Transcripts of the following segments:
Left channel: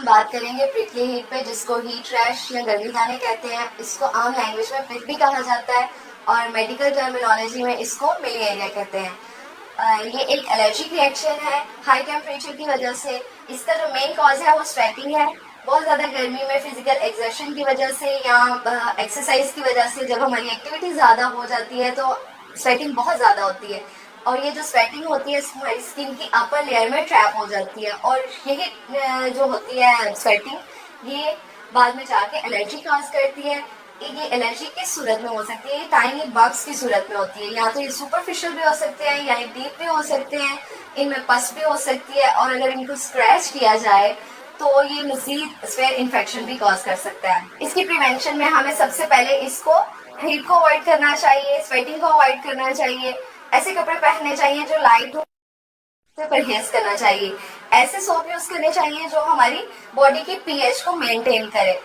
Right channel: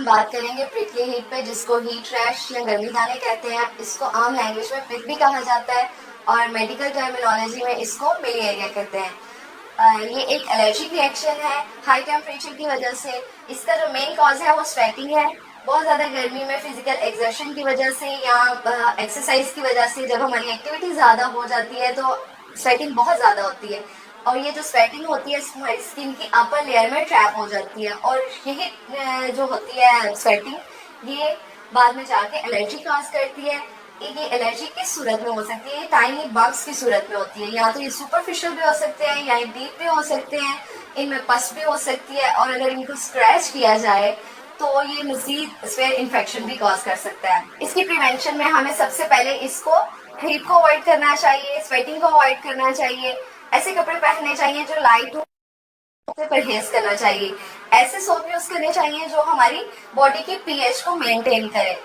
हम बात करेंगे प्रिकली हीट पे, जिसको हीट रैश या गर्मी दाने कहते हैं। इसको आम लैंग्वेज में पिक भी कहा जाता है और मेडिकल टर्मिनोलॉजी में इसको मिलिएरिया कहते हैं। ये एक एलर्जिक रिएक्शन है हाई टेम्परेचर की वजह से। इसका जो मेन कॉज है वो स्वेटिंग है। बहुत ज़्यादा गर्मी में फिजिकल एक्सर्शन की वजह से या एक्सरसाइज की वजह से जब हमारी एक्टिविटी ज़्यादा हो जाती है तो स्वेटिंग बहुत ज़्यादा होती है, और ये जो स्वेटिंग होती है हमारी स्किन की अपर लेयर में ट्रैप हो जाती है, और यही जो होती है स्वेटिंग ये बाद में जाके एलर्जी कॉज करती है। ये एलर्जी किस सूरत में हो सकती है? ये टाइनी बग्स की सूरत में होती है। या तो ये सुपरफिशियल भी हो सकते हैं या ये डीप भी हो सकते हैं, इनमें पस भी हो सकती है, और अगर इनको स्क्रैच किया जाए तो ये मजीद स्वेयर इन्फेक्शन भी कॉज कर सकता है। इसकी प्रिवेंशन में हमें सबसे पहले इसको हीट को अवॉइड करना चाहिए, स्वेटिंग को अवॉइड करना चाहिए, ऐसे कपड़े पहनने चाहिए जो लाइट हो, से परहेज करना चाहिए। ऐसे सोप यूज करने चाहिए जो हमारी बॉडी की पीएच को मेंटेन करे,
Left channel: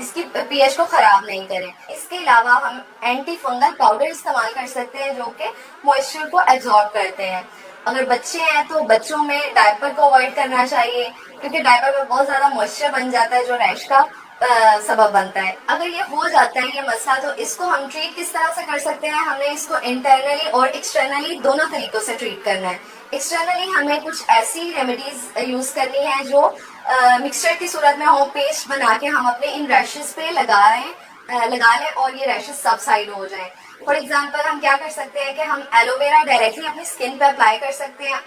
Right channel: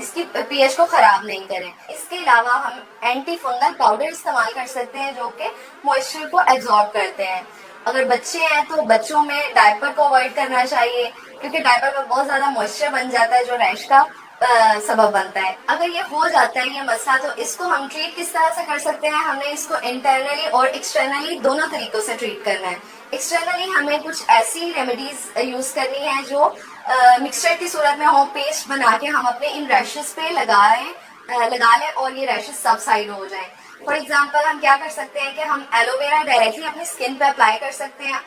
इसकी पीएच को खराब नहीं करे। इसके अलावा हम एंटी फंगल पाउडर इस्तेमाल कर सकते हैं जो कि मॉइस्चर को एब्जॉर्ब करते हैं। अगर बच्चे हैं तो बच्चों में डायपर को अवॉइड करना चाहिए, क्योंकि डायपर में बहुत ज्यादा मॉइस्चर बन जाता है जो रैश का सबब बनता है। अगर ये हो जाता है ये मसला, तो इसको हम ट्रीट किस तरह से कर सकते हैं? हमने इसको इंटरनली और एक्सटर्नली दोनों तरीकों से ट्रीट करना है। एक्सटर्नली हमें कुछ ऐसी रेमेडीज यूज करनी है जो मिक्सचर की सूरत में हो, पेस्ट बना के हम अपने इन रैशेस पे लगा लें और ये रैशेस सबसाइड हो जाएं। फॉर एग्जाम्पल हम क्या कर सकते हैं कि हम एलोवेरा डायरेक्टली अपनी स्किन पे अप्लाई कर सकते हैं,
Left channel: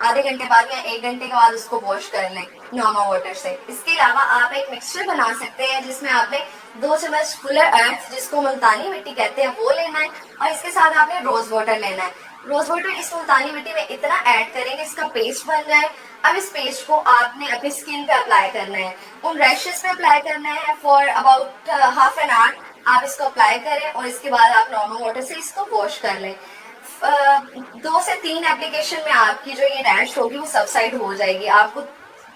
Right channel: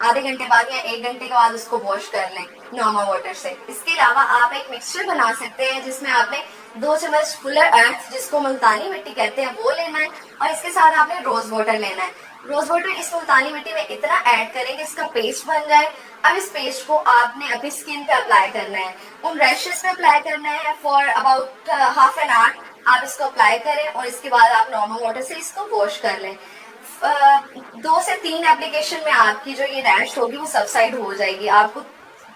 आधे घंटे बाद या 1 घंटे के बाद उसको वॉश कर लें नॉर्मल वाटर से। इसके अलावा आप एक मिक्सचर बना सकते हैं जिसमें आपने 2 चम्मच फुलर अर्थ, जिसको मुल्तानी मिट्टी कहते हैं, वो लेना है, और इसके साथ आपने रोज वाटर लेना है। रोज वाटर इस मुल्तानी मिट्टी में इतना ऐड करें कि इसका पेस्ट बन जाए। अब इस पेस्ट को आपने अपनी स्किन पे अप्लाई करना है, उन रैशेस पे अप्लाई करना है for about half an hour. आप इसको अप्लाई करें और इसके बाद आप नॉर्मल वाटर से इसको वॉश कर लें। 2 से 3 एप्लीकेशन में आपकी जो ये रैश होगी वो सबसाइड हो जाएगी, आपको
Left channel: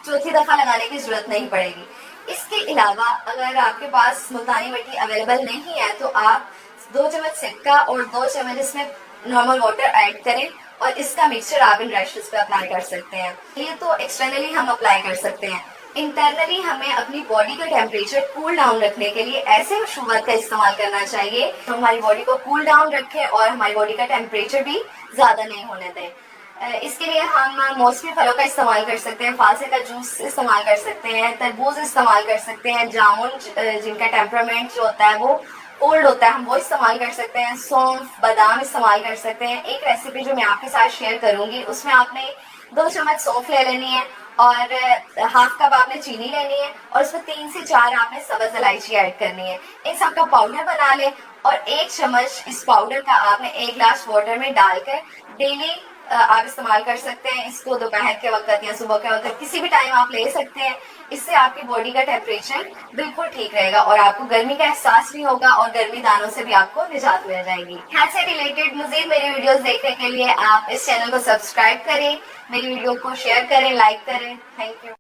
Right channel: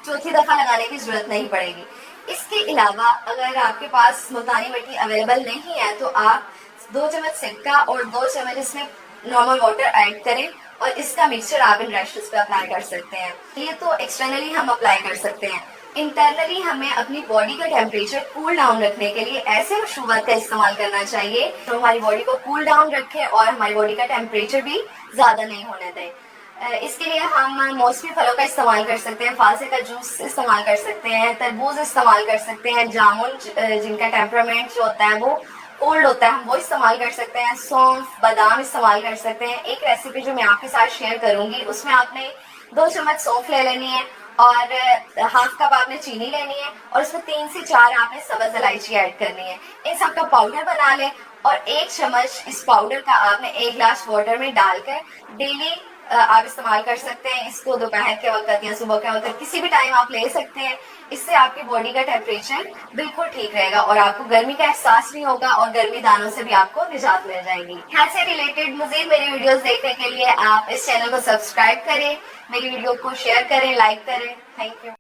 चौथी दफा लगाने की जरूरत नहीं पड़ेगी। इसके अलावा अगर आपके पास मुल्तानी मिट्टी अवेलेबल नहीं है तो आप 2 चम्मच सिरका और 2 चम्मच इसमें नॉर्मल वाटर ऐड करें और इसका मिक्सचर आप इन रैशेस पे अप्लाई कर सकते हैं। ये तो एक्सटर्नली हम अप्लाई कर सकते हैं। इंटरनली हमें अपनी बॉडी का टेम्परेचर कूल डाउन रखने के लिए ऐसे मशरूबात का इस्तेमाल करना चाहिए जो हमारी बॉडी को कूल डाउन रखे और हमारी बॉडी का टेम्परेचर भी ज्यादा नहीं होने दें। इसके लिए हम मौसमी फलों का इस्तेमाल कर सकते हैं, फालसे का जूस इस्तेमाल कर सकते हैं, तरबूज इस्तेमाल कर सकते हैं, जामुन जिनका टेम्परामेंट जो होता है वो कोल्ड होता है हम वो इस्तेमाल कर सकते हैं, सौंफ बादाम इस्तेमाल कर सकते हैं। एक रेसिपी जो मैं आपके साथ शेयर करूंगी उसमें आपने 2 चम्मच सौंफ ले लेनी है और हाफ कप आपने चीनी लेनी है और उसमें 3 से 4 आपने सब्ज इलायची ऐड करनी है। इन सब का पाउडर बना लें और 1 चम्मच इस पाउडर का आपने 1 गिलास वाटर में डालकर डेली आप इस्तेमाल कर सकते हैं। इसको दोपहर के वक्त या सुबह के वक्त किसी भी टाइम आप ले सकते हैं। इससे आपकी बॉडी का टेम्परेचर बिल्कुल ठीक रहेगा और आपको गर्मी का एहसास नहीं होगा और गर्मी दानों से भी आपको निजात मिल जाएगी। हेल्थ से रिलेटेड मजीद मेरी वीडियोस देखने के लिए आप इस चैनल को सब्सक्राइब करें, मेरी वीडियो को शेयर करें, लाइक करें। Thank you.